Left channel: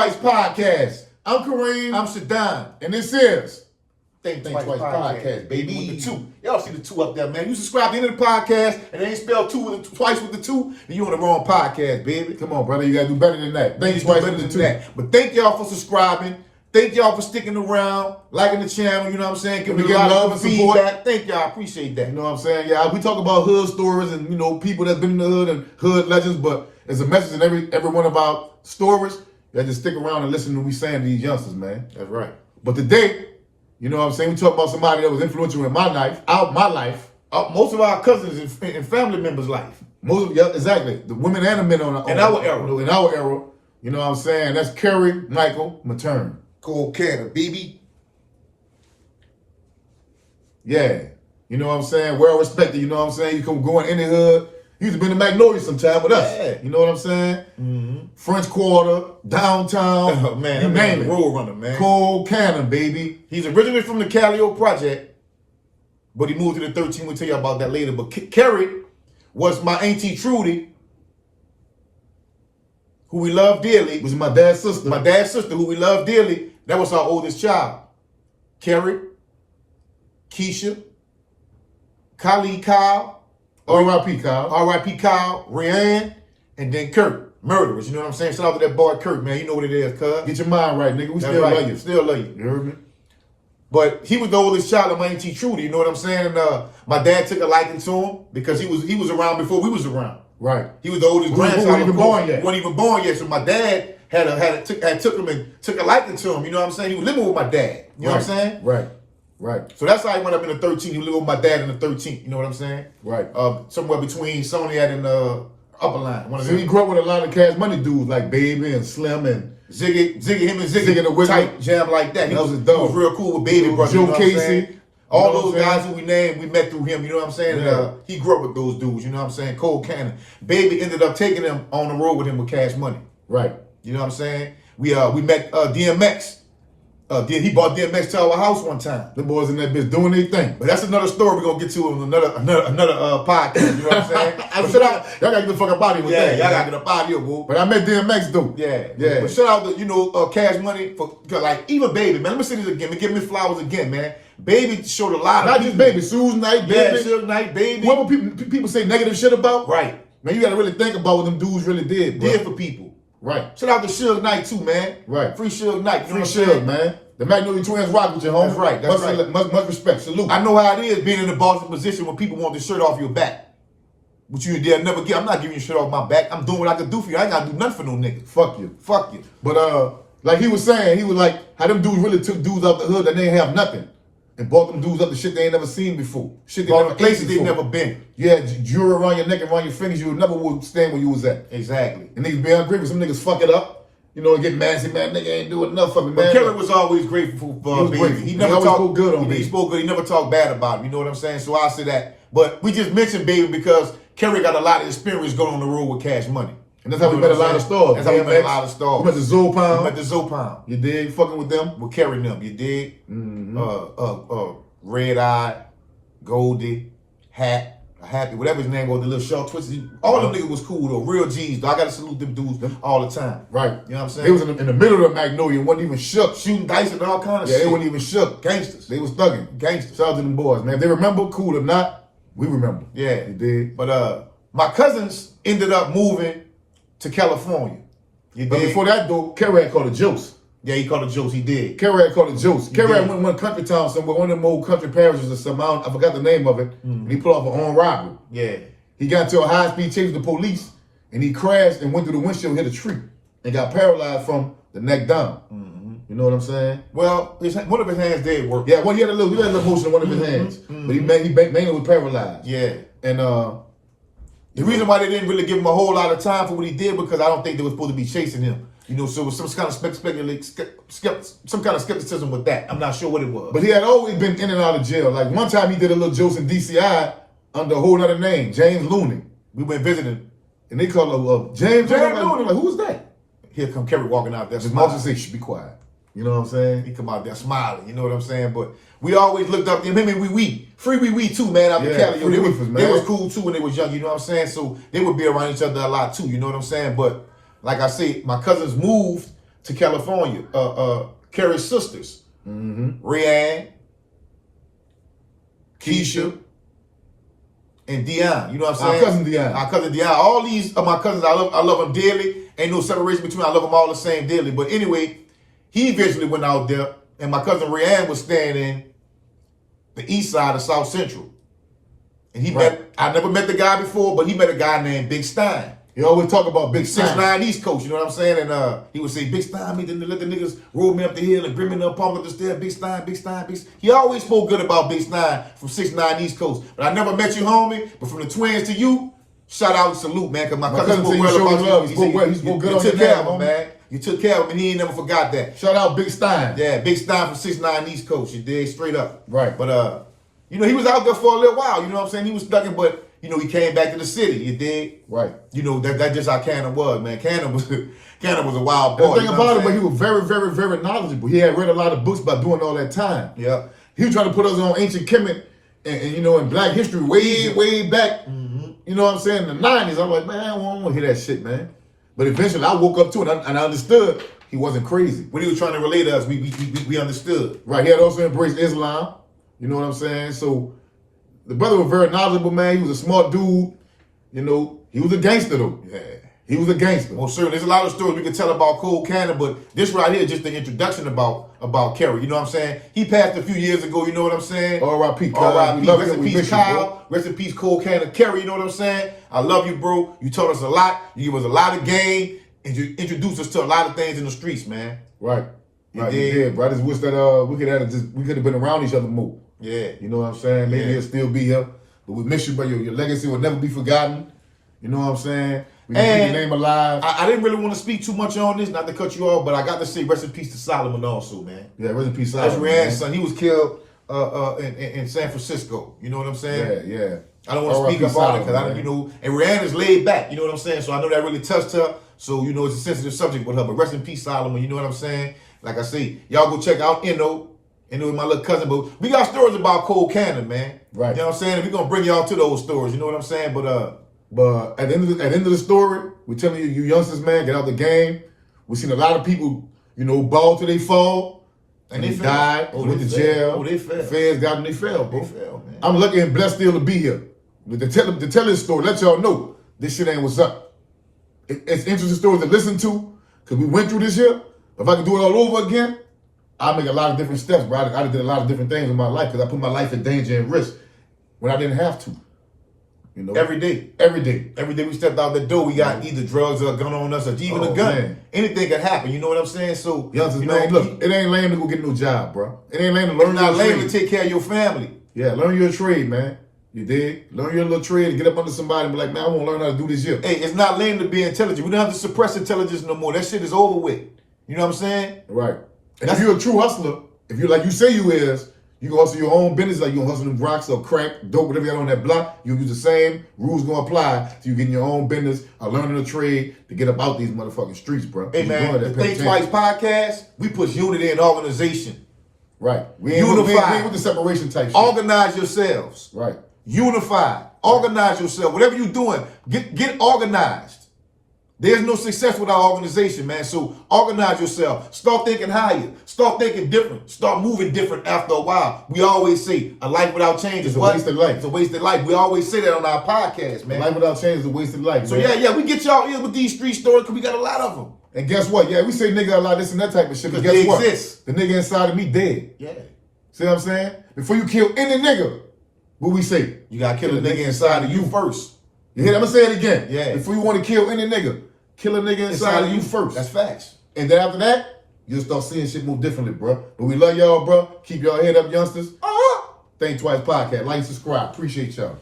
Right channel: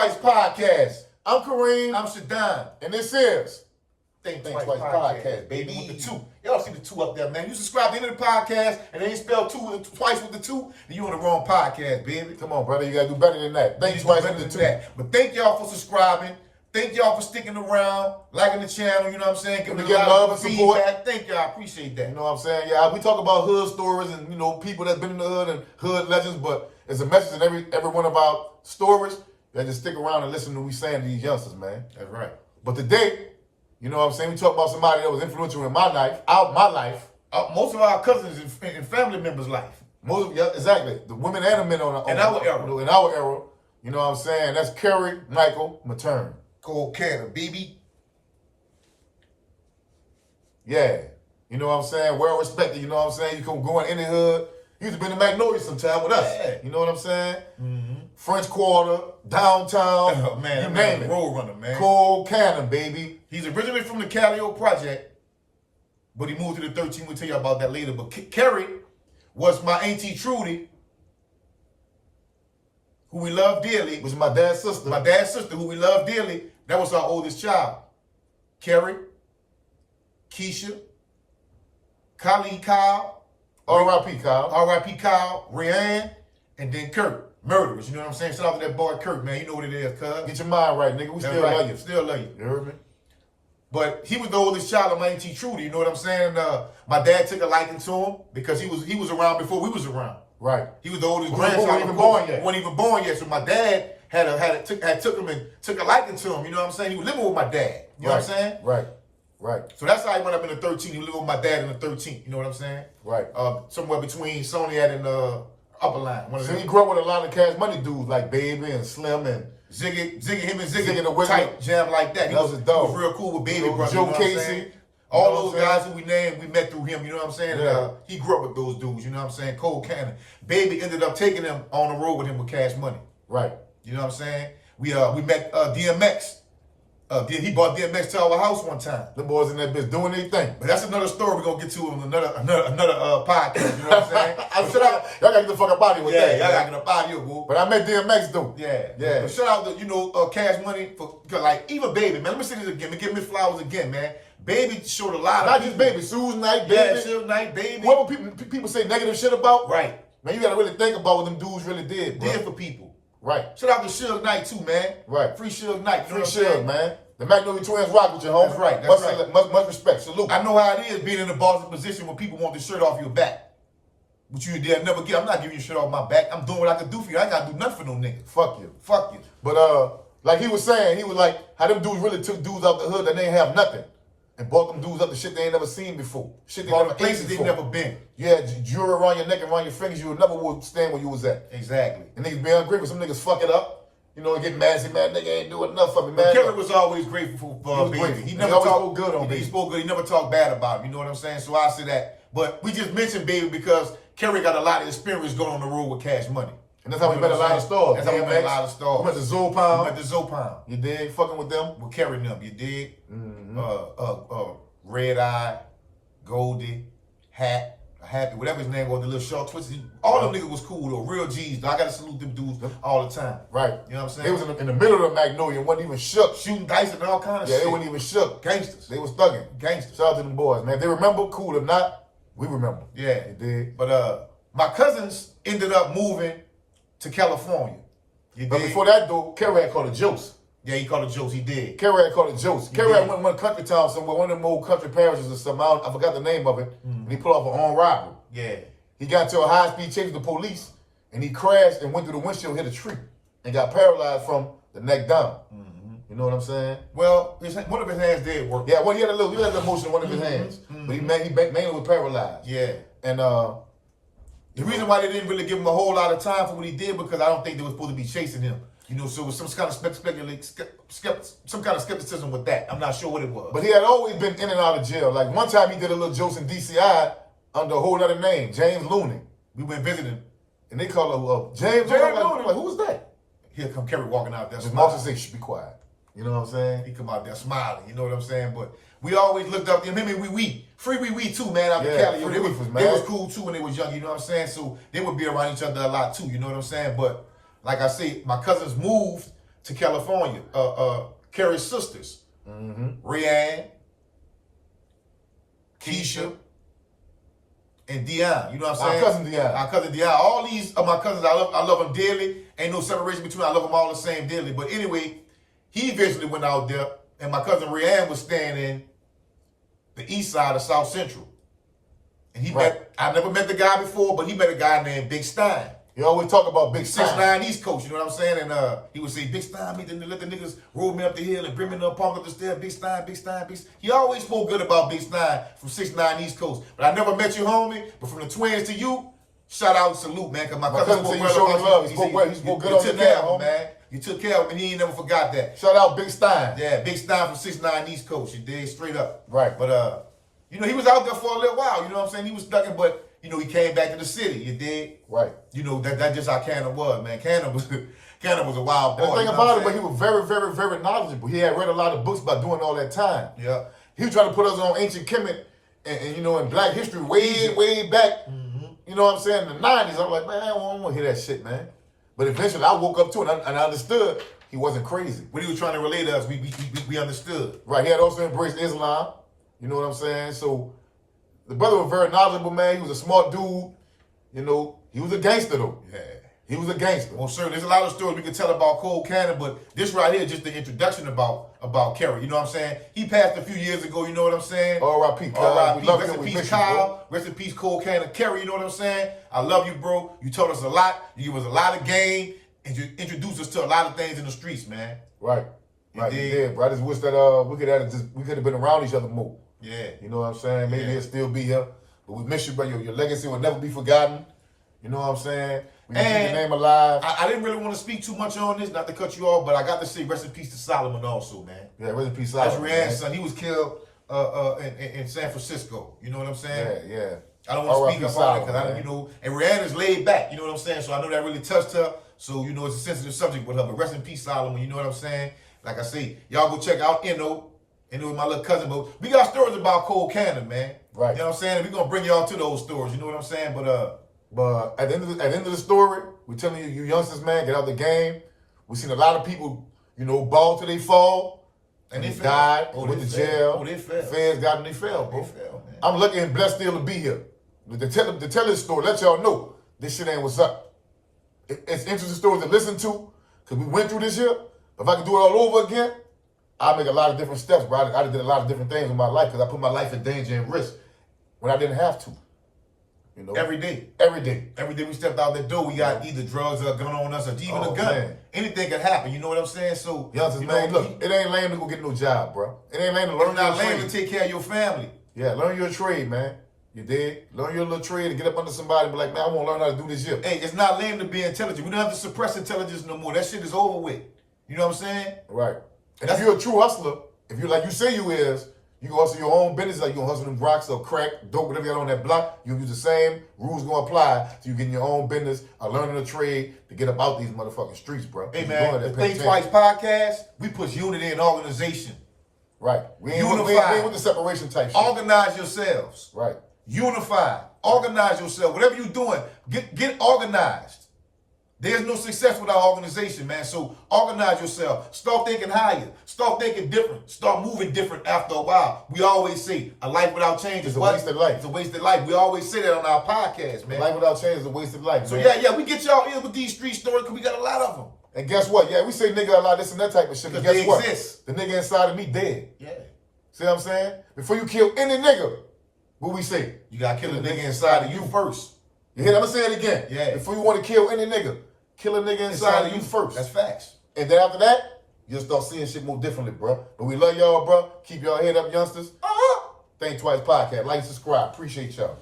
Twice Podcast. I'm Kareem. I'm Shadan. And this is Think Twice Podcast, baby. With the two. Y'all see the two up there, man. You subscribe to the end of the podcast and they ain't spelled twice with the two, then you on the wrong podcast, baby. Come on, brother. You got to do better than that. Think Twice with the two. But thank y'all for subscribing. Thank y'all for sticking around, liking the channel, you know what I'm saying? Giving me a lot of feedback. Thank y'all. I appreciate that. You know what I'm saying? Yeah, we talk about hood stories and, you know, people that's been in the hood and hood legends, but there's a message in every one of our stories. You just stick around and listen to what we saying to these youngsters, man. That's right. But today, you know what I'm saying? We talk about somebody that was influential in my life, most of our cousins and family members' life. Exactly. The women and the men in our era. In our era, you know what I'm saying? That's Kary Michael Matern. Kary, baby. Yeah. You know what I'm saying? Well respected, you know what I'm saying? You come going in the hood. He used to be in the Magnolia sometime with us. Yeah. You know what I'm saying? Mm-hmm. French Quarter, downtown. Oh, man. You name it. Road runner, man. Cold Cannon, baby. He's originally from the Callio Project, but he moved to the 13. We'll tell you about that later. But Kary was my auntie Trudy, who we love dearly. Was my dad's sister. My dad's sister, who we love dearly. That was our oldest child. Kary, Keisha, Kyle, R.I.P. Kyle. R.I.P. Kyle, Rianne, and then Kurt. Murderers, you know what I'm saying? Shout out to that boy Kurt, man. You know what it is, cuz. Get your mind right, nigga. We still love you. Still love you. You heard me? But he was the oldest child of my auntie Trudy, you know what I'm saying? And my dad took a liking to him because he was around before we was around. Right. He was the oldest grandchild. He wasn't even born yet. He wasn't even born yet. So my dad took him and took a liking to him. You know what I'm saying? He was living with my dad. You know what I'm saying? Right. Right. So that's how he went up in the 13th. He lived with my dad in the 13th. You know what I'm saying? Right. Somewhere between Soniat and Upper Line. So he grew up with a lot of Cash Money dudes like Baby and Slim and Ziggy, him and Ziggy the type jam like that. He was real cool with Baby Brother. Joe you know Casey. All those guys who we named, we met through him, you know what I'm saying? Yeah. And he grew up with those dudes, you know what I'm saying? Cold Cannon. Baby ended up taking him on the road with him with Cash Money. Right. You know what I'm saying? We met DMX. He brought DMX to our house one time. Them boys in that bitch doing their thing. But that's another story we're gonna get to in another podcast, you know what I'm saying? Y'all gotta get the fuck up out of here with that. Yeah, y'all gotta get up out of here, boo. But I met DMX though. Yeah. Yeah. But shout out to, Cash Money for, cause like, even Baby, man. Let me say this again. Give me flowers again, man. Baby showed a lot of Not just Baby, Suge Knight, Baby. Yeah, Suge Knight, Baby. Whoever people say negative shit about. Right. Man, you gotta really think about what them dudes really did, bro. Did for people. Right. Shout out to Suge Knight too, man. Right. Free Suge Knight. Free Suge, man. The Magnolia twins rock with you, homie. That's right. That's right. Much respect. Salute. I know how it is being in the bossy position when people want the shirt off your back. But you dare never get. I'm not giving you shit off my back. I'm doing what I can do for you. I ain't gotta do nothing for no nigga. Fuck you. Fuck you. But like he was saying, he was like, how them dudes really took dudes out the hood that they ain't have nothing. And brought them dudes up to shit they ain't never seen before. Shit they never places they never been. Yeah, jewelry around your neck and around your fingers, you would never stand where you was at. Exactly. And niggas be ungrateful. Some niggas fuck it up. You know, get mad and say, man, nigga ain't doing enough for me, man. But Kary was always grateful for Baby. He never spoke good on Baby. He spoke good. He never talked bad about him. You know what I'm saying? So I'll say that. But we just mentioned Baby because Kary got a lot of experience going on the road with Cash Money. And that's how we met a lot of stars. That's how we met a lot of stars. We met the Zopound. We met the Zopound. You dig? Fucking with them. With Kary and them. You dig? Mm-hmm. Red Eye, Goldie, Happy, whatever his name was, the little short twisted. All them niggas was cool though. Real G's though. I gotta salute them dudes all the time. Right. You know what I'm saying? They was in the middle of Magnolia and wasn't even shook. Shooting dice and all kind of shit. Yeah, they wasn't even shook. Gangsters. They was thugging. Gangsters. Shout out to them boys, man. If they remember, cool. If not, we remember. Yeah. You dig? But my cousins ended up moving to California. But before that though, Kary had called it Juice. Yeah, he called it Juice. He did. Kary had called it Juice. Kary had went one country town somewhere, one of them old country parishes or something. I forgot the name of it. Mm-hmm. And he pulled off an armed robbery. Yeah. He got into a high-speed chase with the police, and he crashed and went through the windshield, hit a tree, and got paralyzed from the neck down. Mm-hmm. You know what I'm saying? Well, one of his hands did work. Yeah, well, he had a little motion in one of his hands, but he mainly was paralyzed. Yeah. And the reason why they didn't really give him a whole lot of time for what he did because I don't think they were supposed to be chasing him. You know, so it was some kind of skepticism with that. I'm not sure what it was. But he had always been in and out of jail. Like one time he did a little jokes in DCI under a whole other name, James Looney. We went visiting. And they called him James Looney. Like, who's that? Here come Kary walking out there His mom say, shh, be quiet. You know what I'm saying? He come out there smiling, you know what I'm saying? But we always looked up to him. Him and Free Wee too, man, out in Cali. They was cool too when they was young, you know what I'm saying? So they would be around each other a lot too, you know what I'm saying? But like I say, my cousins moved to California. Kary's sisters, Rayanne, Keisha, and Dion. You know what I'm saying? Our cousin Dion. Our cousin Dion. All these are my cousins. I love them dearly. Ain't no separation between. I love them all the same dearly. But anyway, he eventually went out there, and my cousin Rayanne was staying in the east side of South Central. And he met, I never met the guy before, but he met a guy named Big Stein. He always talk about Big Stein. 6'9" East Coast, you know what I'm saying? And he would say, Big Stein, me, then let the niggas roll me up the hill and bring me up, pump up the stairs, Big Stein, Big Stein, Big Stein. He always spoke good about Big Stein from 6'9" East Coast. But I never met you, homie. But from the twins to you, shout out and salute, man, because my cousin spoke well about you. He spoke well. He spoke good on you took care of him, man. You took care of him, and he ain't never forgot that. Shout out Big Stein. Yeah, Big Stein from 6'9" East Coast, you dig? Straight up. Right. But, you know, he was out there for a little while, you know what I'm saying? He was stuck in, but, you know, he came back to the city, you dig? Right. You know, that just how Cannon was, man. Cannon was a wild boy. The thing about it, but he was very, very, very knowledgeable. He had read a lot of books by doing all that time. Yeah. He was trying to put us on ancient Kemet and you know, in black history way back, you know what I'm saying, in the 90s. I'm like, man, I don't want to hear that shit, man. But eventually I woke up to it and I understood he wasn't crazy. When he was trying to relate to us, we understood. Right. He had also embraced Islam. You know what I'm saying? So the brother was very knowledgeable, man. He was a smart dude. You know, he was a gangster, though. Yeah. He was a gangster. Well, sir, there's a lot of stories we could tell about Cole Cannon, but this right here is just the introduction about Kary. You know what I'm saying? He passed a few years ago, you know what I'm saying? R.I.P. R.I.P. Rest in peace, Kyle. Rest in peace, Cole Cannon. Kary, you know what I'm saying? I love you, bro. You taught us a lot. You gave us a lot of game, and you introduced us to a lot of things in the streets, man. Right. Right, you did, bro. I just wish that we could have been around each other more. Yeah. You know what I'm saying? Maybe he'll still be here. But we miss you, but your legacy will never be forgotten. You know what I'm saying? We can keep your name alive. I didn't really want to speak too much on this, not to cut you off, but I got to say rest in peace to Solomon also, man. Yeah, rest in peace, Solomon. That's Rand's son. He was killed in San Francisco. You know what I'm saying? Yeah. I don't want to speak about it because I don't, you know, and Rand is laid back. You know what I'm saying? So I know that really touched her. So, you know, it's a sensitive subject with her. But rest in peace, Solomon. You know what I'm saying? Like I say, y'all go check out Inno with my little cousin. But we got stories about Cole Cannon, man. Right. You know what I'm saying? And we're going to bring y'all to those stories. You know what I'm saying? But at the end of the story, we're telling you youngsters, man, get out the game. We've seen a lot of people, you know, ball till they fall. And they died, went to jail. Oh, they fell. The feds got them, they fell, bro. They fell, man. I'm lucky and blessed still to be here. To tell this story, let y'all know this shit ain't what's up. It's interesting stories to listen to, because we went through this here. If I could do it all over again, I'd make a lot of different steps, bro. I did a lot of different things in my life because I put my life in danger and risk when I didn't have to. You know, every day we stepped out the door, we got either drugs or a gun on us or even a gun. Man. Anything could happen. You know what I'm saying? So, youngsters, man, look, it ain't lame to go get no job, bro. It ain't lame to learn. It's not lame to take care of your family. Yeah, learn your trade, man. You dig? Learn your little trade and get up under somebody and be like, man, I want to learn how to do this shit. Hey, it's not lame to be intelligent. We don't have to suppress intelligence no more. That shit is over with. You know what I'm saying? Right. And if you're a true hustler, if you're like you say you is, you can hustle your own business, like you hustle them rocks or crack, dope, whatever you got on that block, you use the same rules gonna apply to you getting your own business or learning a trade to get up out these motherfucking streets, bro. Hey, man, the Think Twice podcast, we push unity and organization. Right. We ain't with the separation type shit. Organize yourselves. Right. Unify. Organize yourself. Whatever you're doing, get organized. There's no success without organization, man. So organize yourself. Start thinking higher. Start thinking different. Start moving different after a while. We always say a life without change is a wasted life. It's a wasted life. We always say that on our podcast, man. A life without change is a wasted life, so man. yeah, we get y'all in with these street stories because we got a lot of them. And guess what? Yeah, we say nigga a lot, this and that type of shit. But guess what? Exist. The nigga inside of me dead. Yeah. See what I'm saying? Before you kill any nigga, what we say? You gotta kill a nigga inside of you first. You hear that? I'm gonna say it again. Yeah. Before you want to kill any nigga, kill a nigga inside of you first. That's facts. And then after that, you'll start seeing shit more differently, bro. But we love y'all, bro. Keep y'all head up, youngsters. Think Twice podcast. Like and subscribe. Appreciate y'all.